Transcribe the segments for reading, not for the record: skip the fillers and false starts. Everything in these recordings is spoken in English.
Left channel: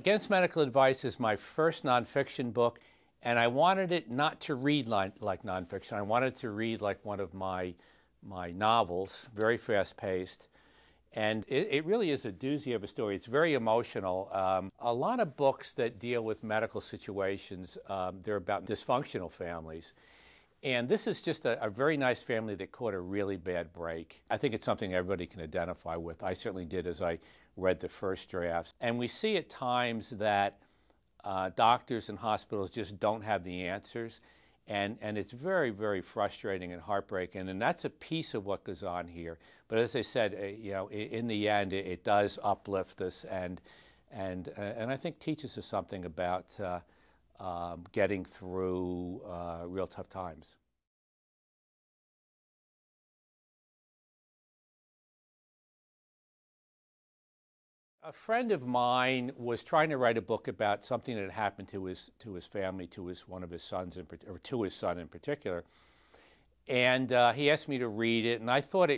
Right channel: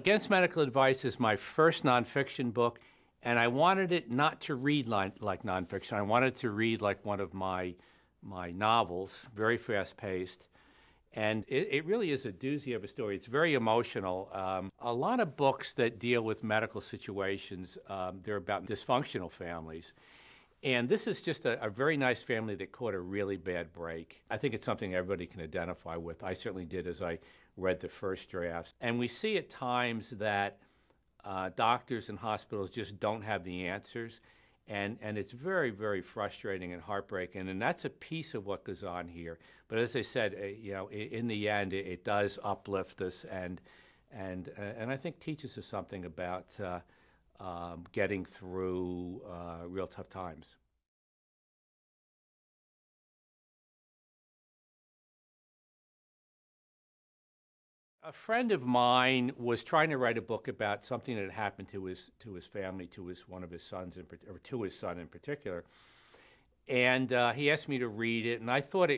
Against Medical Advice is my first nonfiction book, and I wanted it not to read like nonfiction. I wanted to read like one of my novels, very fast-paced. And it really is a doozy of a story. It's very emotional. A lot of books that deal with medical situations, they're about dysfunctional families. And this is just a very nice family that caught a really bad break. I think it's something everybody can identify with. I certainly did as I read the first drafts. And we see at times that doctors and hospitals just don't have the answers. And it's very, very frustrating and heartbreaking, and that's a piece of what goes on here. But as I said, in the end, it does uplift us, and I think teaches us something about getting through real tough times. A friend of mine was trying to write a book about something that happened to his family, to one of his sons, or to his son in particular. And he asked me to read it, and I thought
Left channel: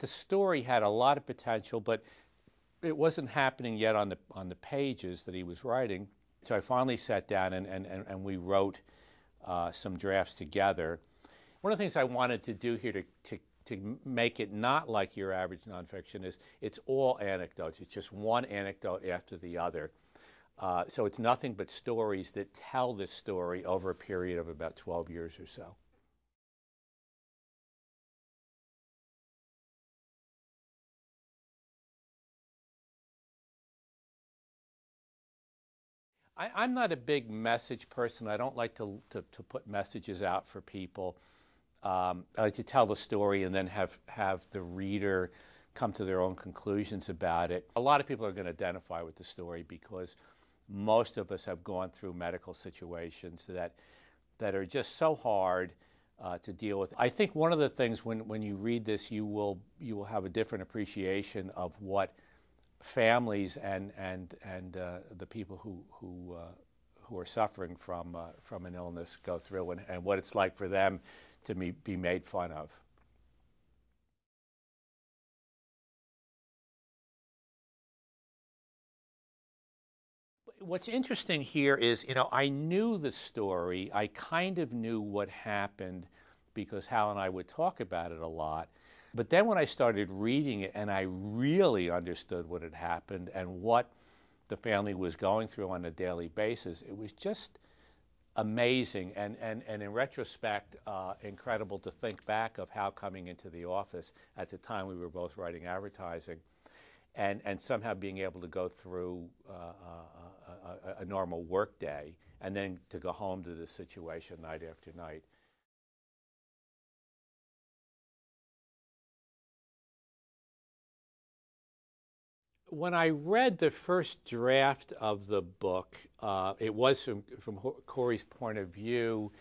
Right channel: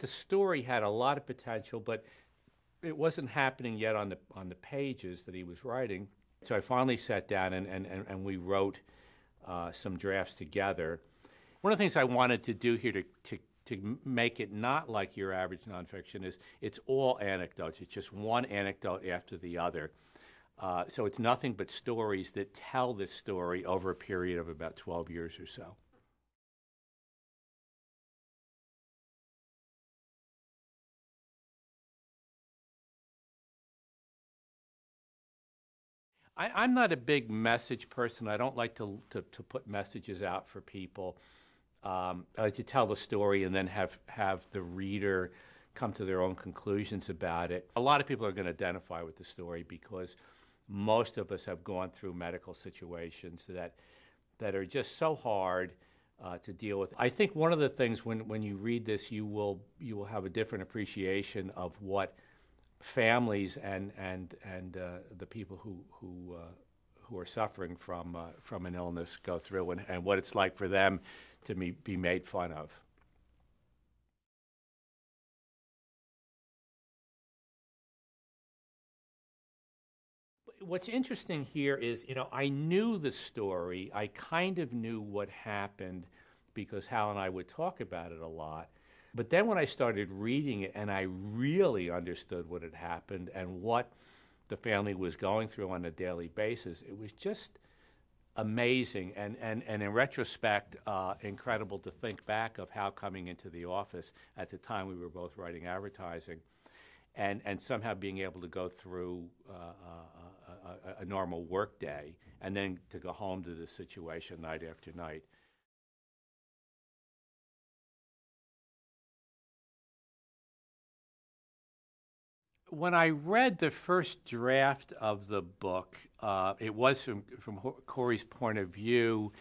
the story had a lot of potential, but it wasn't happening yet on the pages that he was writing. So I finally sat down and we wrote some drafts together. One of the things I wanted to do here to make it not like your average nonfiction is it's all anecdotes. It's just one anecdote after the other. So it's nothing but stories that tell this story over a period of about 12 years or so. I'm not a big message person. I don't like to put messages out for people. I like to tell the story and then have the reader come to their own conclusions about it. A lot of people are going to identify with the story because most of us have gone through medical situations that are just so hard to deal with. I think one of the things when you read this, you will have a different appreciation of what families and the people who are suffering from an illness go through, and what it's like for them to be made fun of. What's interesting here is, I knew the story. I kind of knew what happened because Hal and I would talk about it a lot. But then when I started reading it and I really understood what had happened and what the family was going through on a daily basis, it was just amazing and in retrospect, incredible to think back of how coming into the office at the time we were both writing advertising and somehow being able to go through a normal work day and then to go home to this situation night after night. When I read the first draft of the book, it was from Corey's point of view,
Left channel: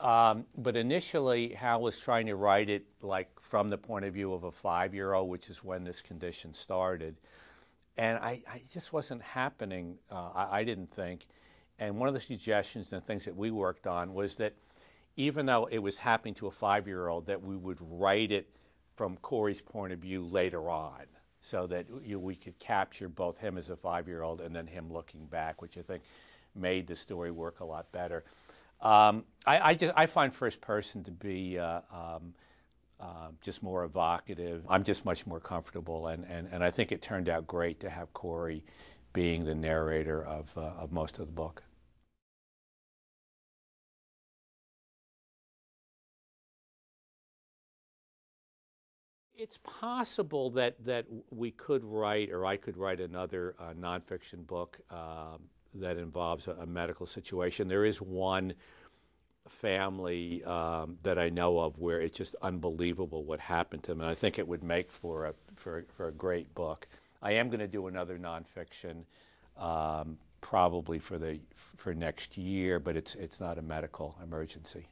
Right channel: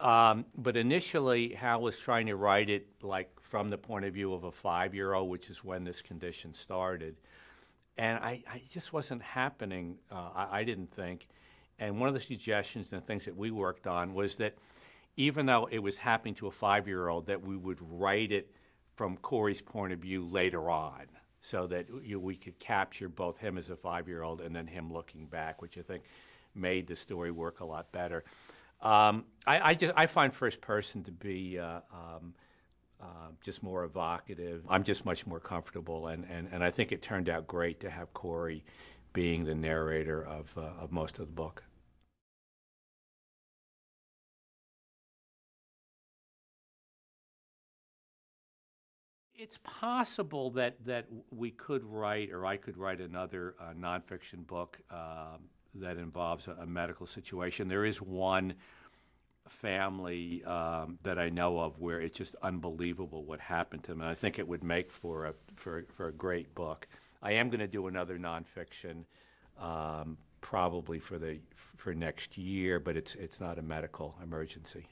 but initially Hal was trying to write it like from the point of view of a 5-year-old, which is when this condition started. And I just wasn't happening, I didn't think. And one of the suggestions and things that we worked on was that even though it was happening to a 5-year-old, that we would write it from Corey's point of view later on, so that we could capture both him as a 5-year-old and then him looking back, which I think made the story work a lot better. I find first person to be just more evocative. I'm just much more comfortable, and I think it turned out great to have Corey being the narrator of most of the book. It's possible that we could write, or I could write another nonfiction book that involves a medical situation. There is one family that I know of where it's just unbelievable what happened to them, and I think it would make for a great book. I am going to do another nonfiction probably for next year, but it's not a medical emergency.